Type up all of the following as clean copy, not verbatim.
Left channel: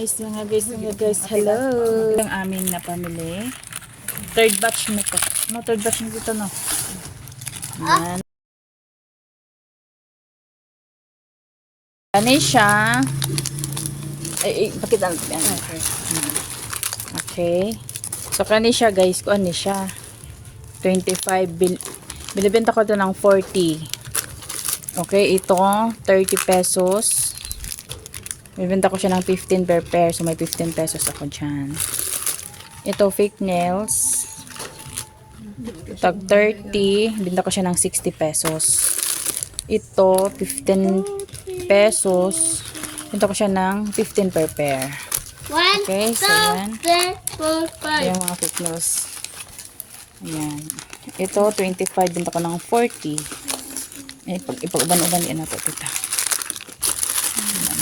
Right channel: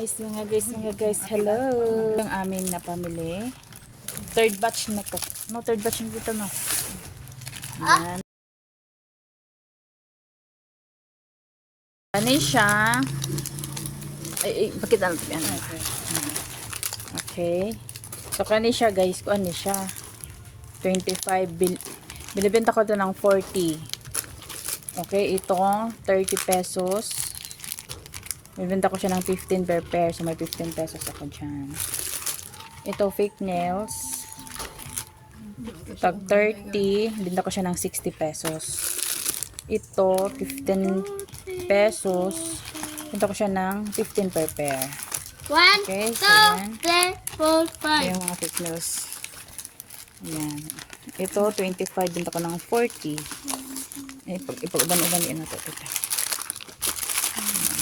mga guys, hello. Ang aming napamili. Third batch na to. No, third batch na dito, no. Yan. Ano siya? Pakita natin yan. Okay. So, kani siya guys, kung ano siya. 25. Binibenta ko ito ng 40. Okay, ito 30 pesos. Bibenta ko siya ng 15 per pair. So, may 15 pesos ako dyan. Ito, fake nails. Tag 30. Bibenta ko siya ng 60 pesos. Ito, 15 pesos. Bibenta ko siya ng 15 per pair. Okay, so yan. Ayan mga fake nails. Ayan. Ito, 25. Bibenta ko ng 40. Ipag-uban-uban yan natin ito.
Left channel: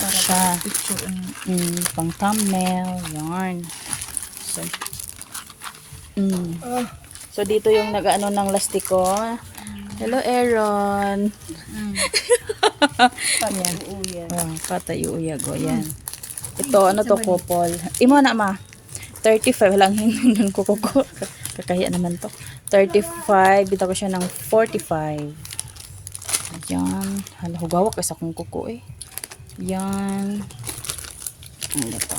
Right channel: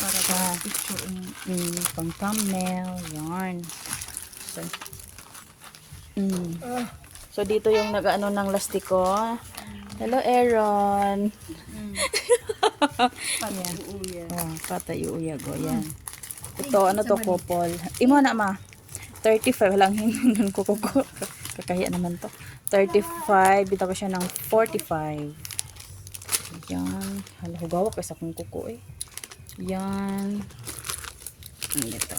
Siya. Pang thumbnail. Yarn. So, so dito yung nag-ano ng lastiko. Hello, Aaron. Patayuyag. Yan. Ito, ano to, couple. Imo na, ma. 35 lang hinun ko. Kakaya naman to. 35. Bita ko siya ng 45. Yan. Hala, hugawak isa kong kuko eh. Yan. Ito.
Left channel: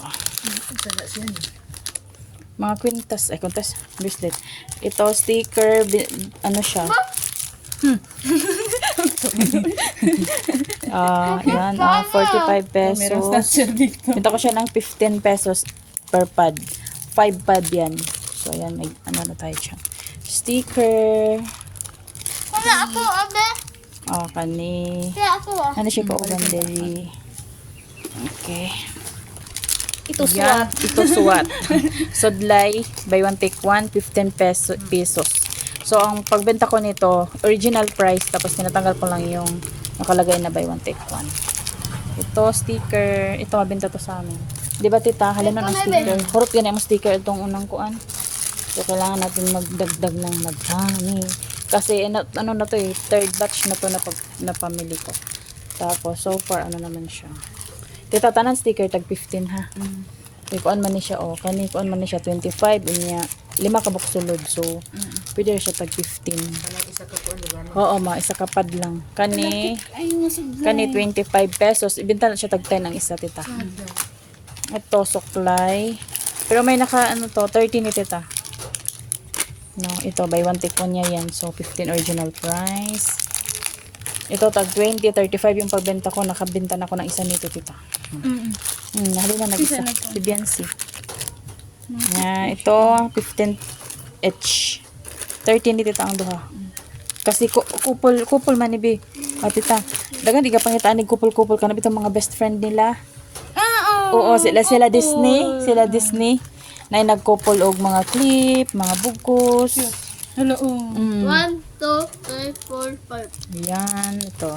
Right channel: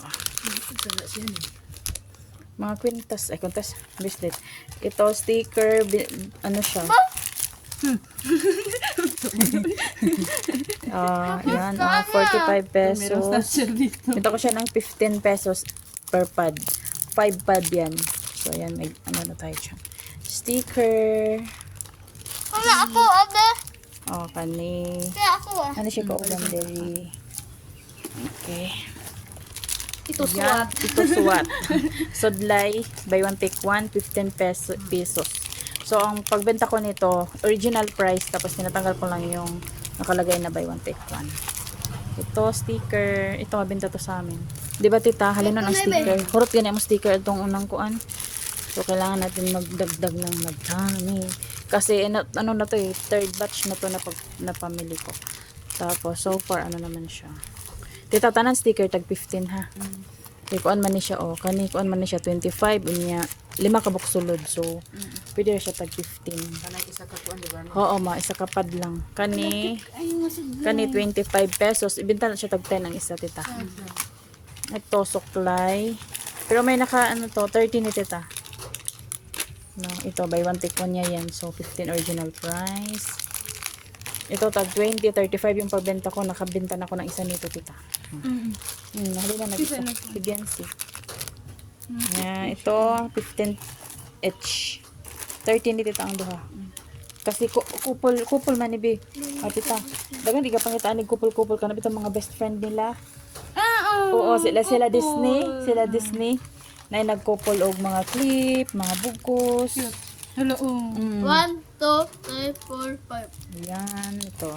Mga kwintas. Kwintas. Bracelet. Ito, sticker. Ano siya? Yan. 45 pesos. Ito ko siya ng 15 pesos per pad. 5 pad yan. So, yan. May ano na tayo siya. Sticker. Kani. Ano siya ko uganderi. Okay. Ito suwat. Ito suwat. Sodlay, buy one take one, 15 pesos. So, ang pagbenta ko nito, original price, tapos tinatanggal ko lang yung nakalagay na buy one take one. Ito, sticker. Ito, mabenta to sa amin. Diba, tita? Halina ng sticker. Kurot ganyan ang sticker itong unang kuan. So, kailangan natin magdagdag ng magdami. Kasi, ano na to eh, third batch na to na pamili ko. Tapos, so far, ano naman siya. Tita, tanan sticker, tag 15 ha. Kuan man ni siya, kani kuan man ni siya, 25, unya, 5 kabuk sulod. So, pwede siya pag 15. Oo, isa kapad lang. Kani 25 pesos. Ibenta na siya tag 10 ang isa, tita. Ito, suklay. Pero may ano to, 30 ni tita. No, ito, buy one take one niya yan. So, 15 original price. Ito, tag 20, 35 yung pagbenta ko. Nakabenta na ako ng isa nito, tita. Halina nag-isa. Si Biancy. Ito, 15 each. 13 ni tita ang duha. Kasi kupol man ni Bi. Tita, dagan di ka pangitaan ni kupol-kupol ka na bitong mga best friend nila. Oo, sila Disney. Sila Disney. Na nagkupol og mga clip, mga bugkos. Hello. 1, 2, 3, 4, 5. Yan, ito.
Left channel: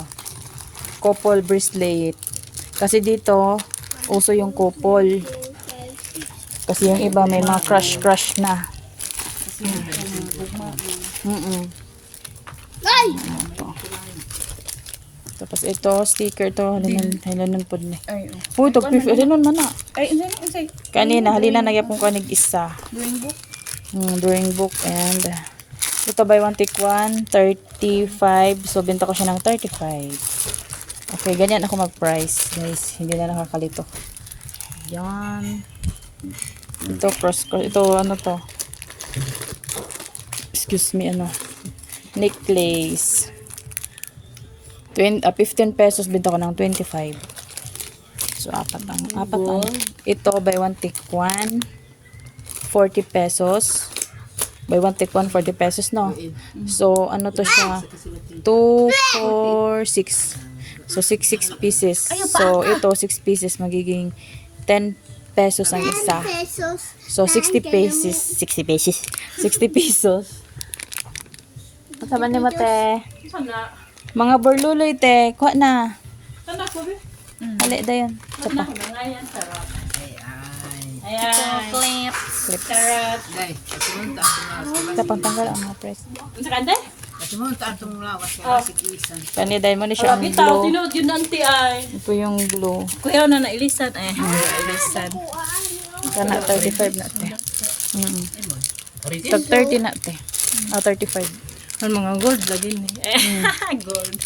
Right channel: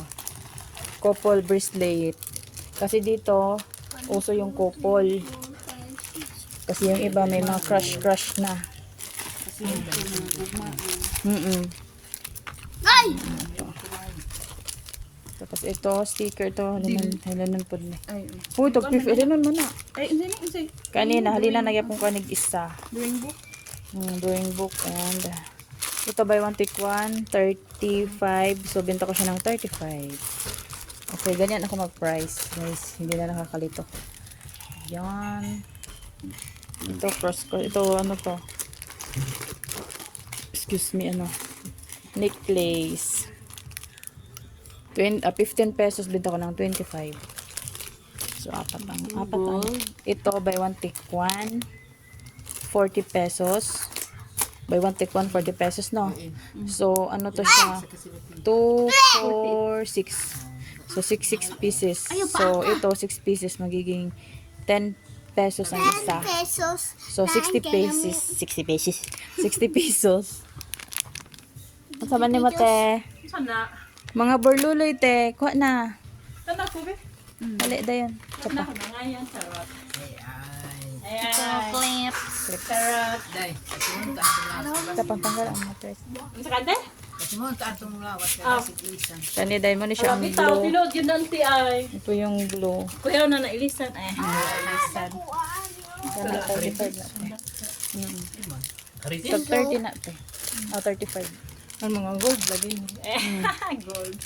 Couple bracelet. Kasi dito, uso yung couple. Kasi yung iba may mga crush na. Ay! Tapos ito, sticker to. Halinan po din. Ay, Ito, halinan man na. Ay, unsay? Kanina, halinan na yapon ko isa. Drawing book. Drawing book and ito buy one take one, 35. So, benta ko siya ng 35. Okay, ganyan ako mag-price. Guys, hindi na nakakalito. Yan. Ito, ito, ano to? Excuse me, necklace. 15 pesos, benta ko ng 25. So, apat ang. Ito, buy one take one, 40 pesos. Buy one take one, 40 pesos, no? So, ano to siya? 2, 4, 6. So, 6 pieces. So, ito, 6 pieces. Magiging 10 pesos ang isa. So, 60 pesos. 60 pesos. 60 pesos. Ang sama ni Mate. Sana. Mga burluloy, te. Kuha na. Sana ko be. Hali da yun. Sana ko na yan, sarap. Ayan. Clips. Carrot. Ito, pangtanggal ang mga press. Unsa kante? Simon ta atong lawas sa siklisan. Kani dahil mo ni siya ang Bitaw, blue. tinuod yun nanti ay. Ito yung blue. Kuya na nailisan eh. Nailisan. Kana 35 na te. Tag 30 na te. 35. Ang mga gold lagi ni. Gold.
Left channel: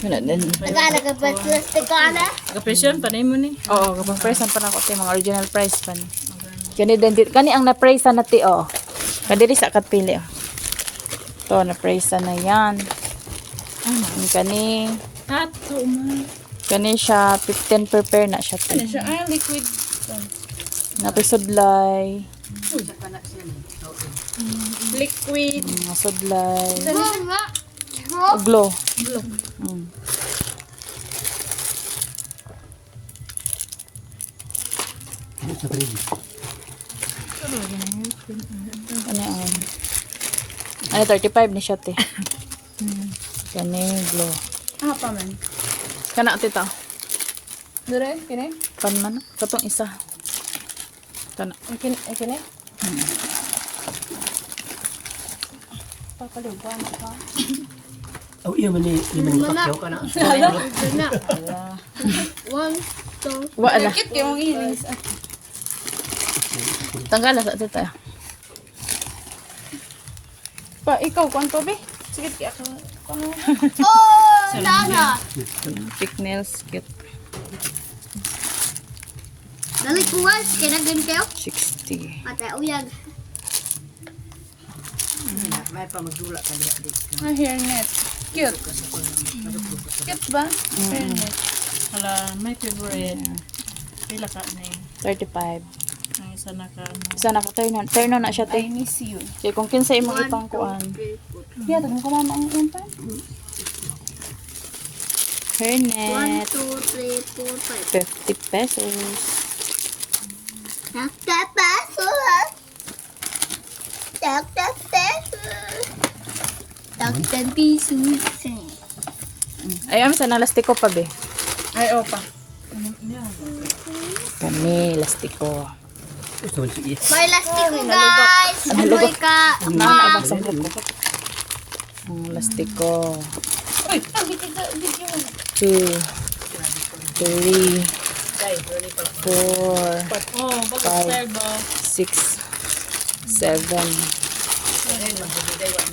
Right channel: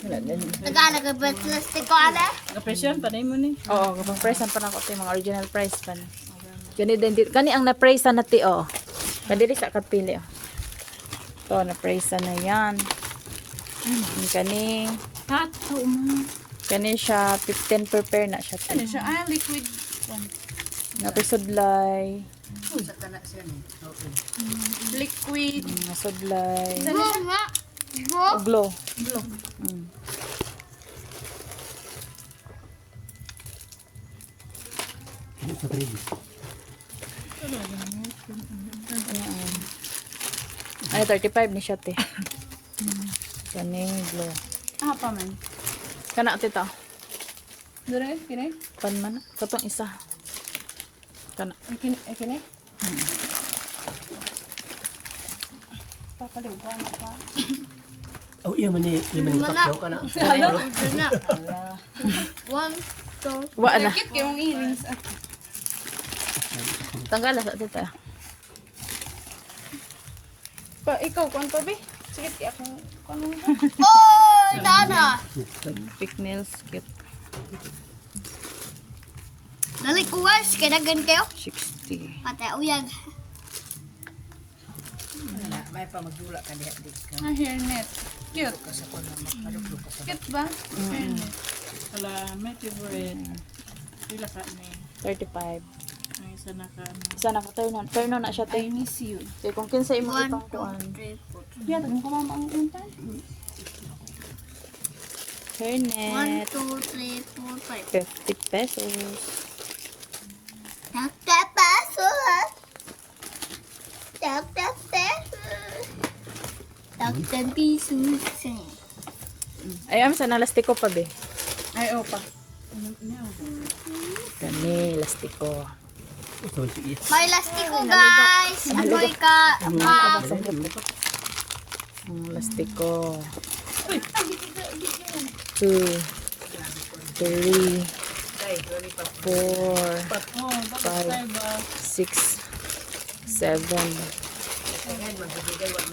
Wala din. Nagana ka ba plastic ko ana? Kapresyon pa na mo ni. Oo, kapag price pa na ko te mga original price pa na. Kani din kani ang na-price na ti oh. Kadiri sa katpili oh. To na-price na yan. Kani Hato mo. kani siya 15 per pair na siya te. Ano siya? Ay, liquid. Napisudlay. Sa tanak siya ni. Liquid. Sudlay. Nga. Glow. Glow. Ano ang ano 35 ni siya te. Kani glow. Ah, pa man. Kana tita. Dire, kini? Kan man katong isa. Kana. Kini? Oh, iya man ni pakyaw ka na. Nga. One, two. Wala. Kit kayong inis. Tanggal sa tita. Pa, ikaw, kwanto be? Sige, ako. Oh, dana. Thick nails kit Dali kuwas kay daghan kayo. 60. Patay uyag. May pa magdula ka diha di. Ah, hairnet. Cute. Cute ba? Hairnet. Hala, my favorite. Pila ka na eh. 35. Ang isa na ka. Isa na ka turn on na siya I te. miss you. Kaya kung kinsa imong ipang kuan. Yeah, tagang ko mama ang unta. One, Hairnet. two, three, four, five. 50 pesos. Takta paso. Takta peso. Takta piso. Ay, sa nalastiko pa be. Ay, opa. Kami, lastiko. Gusto mo sige. May lastiko guys. Ano ka? Naabang sa buko. Ang lastiko. Uy, ang video. 2, 3, 4, Oh, bakit style ba? 6, 7,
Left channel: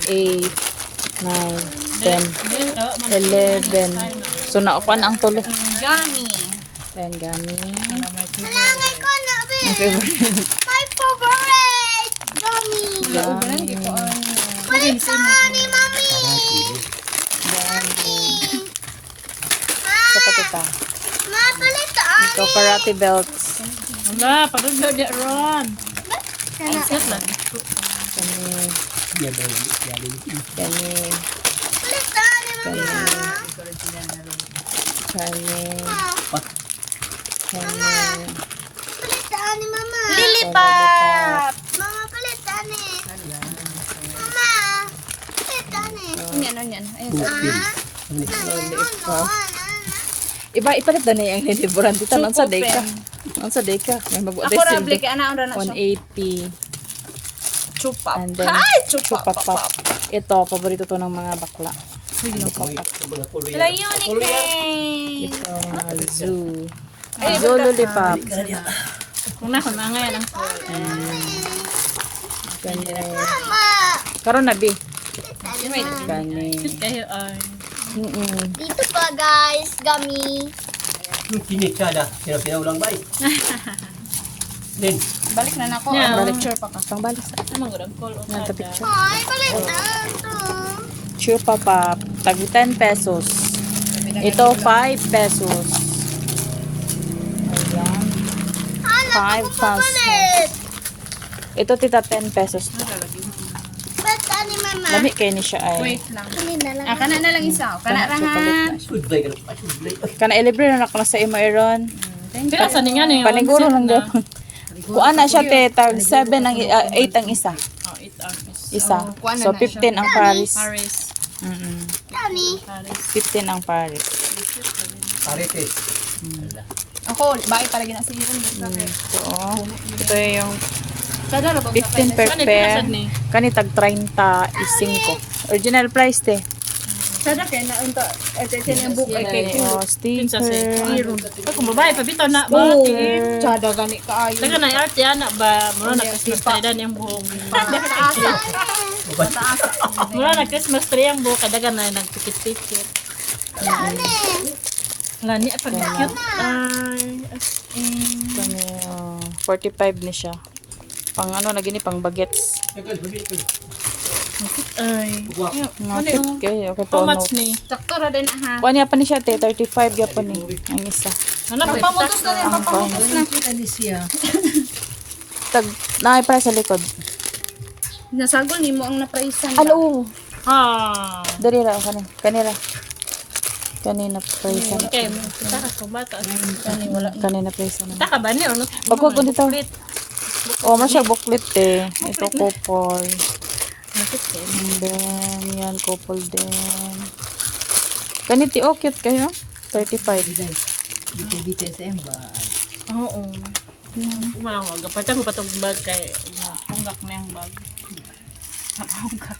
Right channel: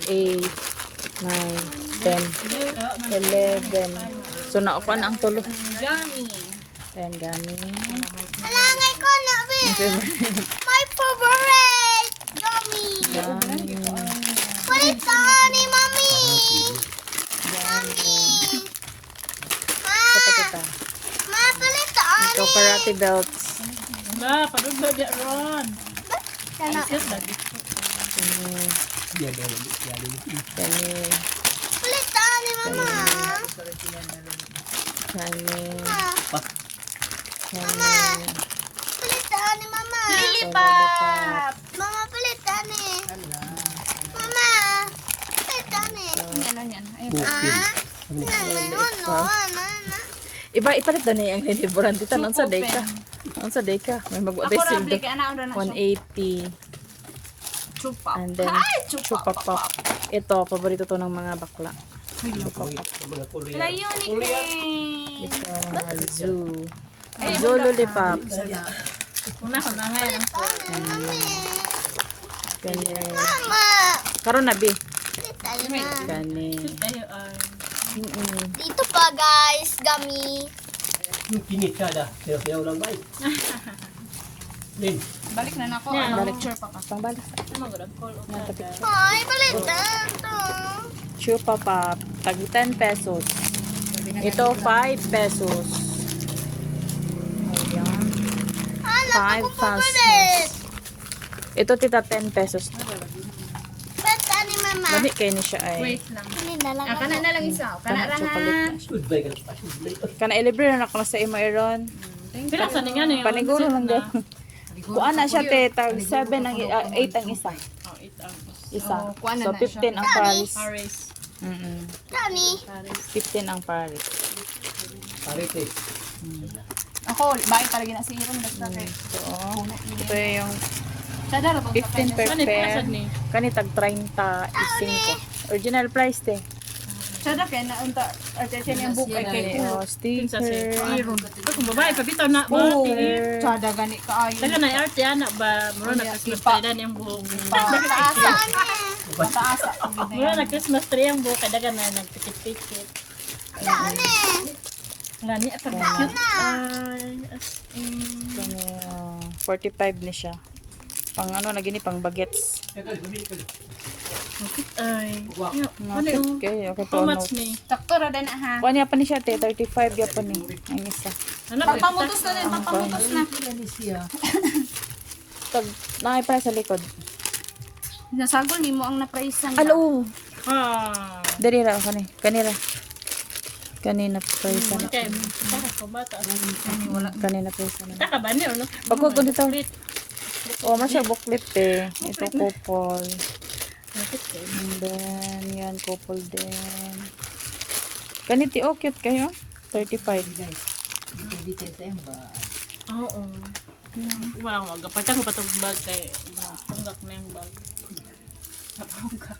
8, 9, 10, 11. So, naupan ang tulo. Gani. Ayan, gani. Alangay ko na be. My favorite. Mommy. Kulit ka ni Mommy. Mommy. Sa patita. Mapalitaan. So, karate belts. Wala, padugod ya ron. Kana. Set lagi. Kani, Iya dali. kani, Palitaan ni Mama. kani, Mama. Palitaan ni Mama. Lilipat. Mama palitaan ni. Mama. Palitaan ni. Yan. Ay, Iba, ipalit na niya ang liburan dito. Ang sa deka. Ang sa deka. May ako mag-address rable kay ana ora na siya. 180. Chupa. And then, Ay, chupa. Chupapap. Ito, paborito to ng mga bakla. Sila unique. Zoo. Zoo lollipop. Una ko na ngayon. Mama. Karon na, bi. Palitaan ni. Kani. Kayo ay. Dito pa guys, gummy. Kini kada. Sinaw lang bay. Din. Balik na nako. Ang picture pa ka. Pang balik. Ano mo call o Nanta kada. picture. Ay, palitan to. Chupapap. Tag 10 pesos. Ito, 5 pesos. Ayan. Hala, 5 ako papalit. Ito, tita, 10 pesos. Palitaan ni Mama. Lami kayo ni siya ay. Wait lang. Ayun na lang. Ah, kana na lang isa. Kana ra ha. Sudlay ka na. Sudlay. Kana ilibre na ako na sa imo Aaron. Pila sa ninga na yung Paniguro lang daw. Kuan na siya te, tag 7 ang 8 ang isa. Oh, it Isa. Oh, kuan na So na siya. 15 ang Paris. Paris. Tani. Paris. 15 ang Paris. Parete. Ako, bakit talaga na si Iron basta kay. So, ito yung Kada ra bang 15 per Manit, pair. nasad ni? Kani tag 35. Original price te. Kada kay na unta at ang book ay kay Oh, Pinsa sa sticker. Iron. Kung babae pa bitaw na ba? Oh, tsada gani kaayo. Taga na arte ana ba mura na Christmas tree dan yung buhok. Pataasa. Pataasa. Mura na Christmas tree ang buhok kada na nagtikit-tikit. Lani at pag cute ay as in. Kani, 45 ni siya. Pang ano na gini pang bagets. Ay. Mga cute kayo. Okay, How to, much ni? Sakto ra din ha. Kuha niya pa ni siya te. 35 ya pa ni. Ang isa. Ano ba? Pamutos na din, papamutos na. Tag, naay pa sa likod. Nasagol nimo ang napraisan. Ano? Ah. Dari ra kani. Kanira. Kanina price. Okay, taka sa bata. Ani wala. Kanina price. Taka ba ni ano? Wag ko dito. Oh, masya booklet eh. Ito couple. And then, yan couple din. Ganiti, oh, cute kayo. 35. Oo. Kumalang wag. Patang ko patong bag kay tunggak na yung bag. Natunggak.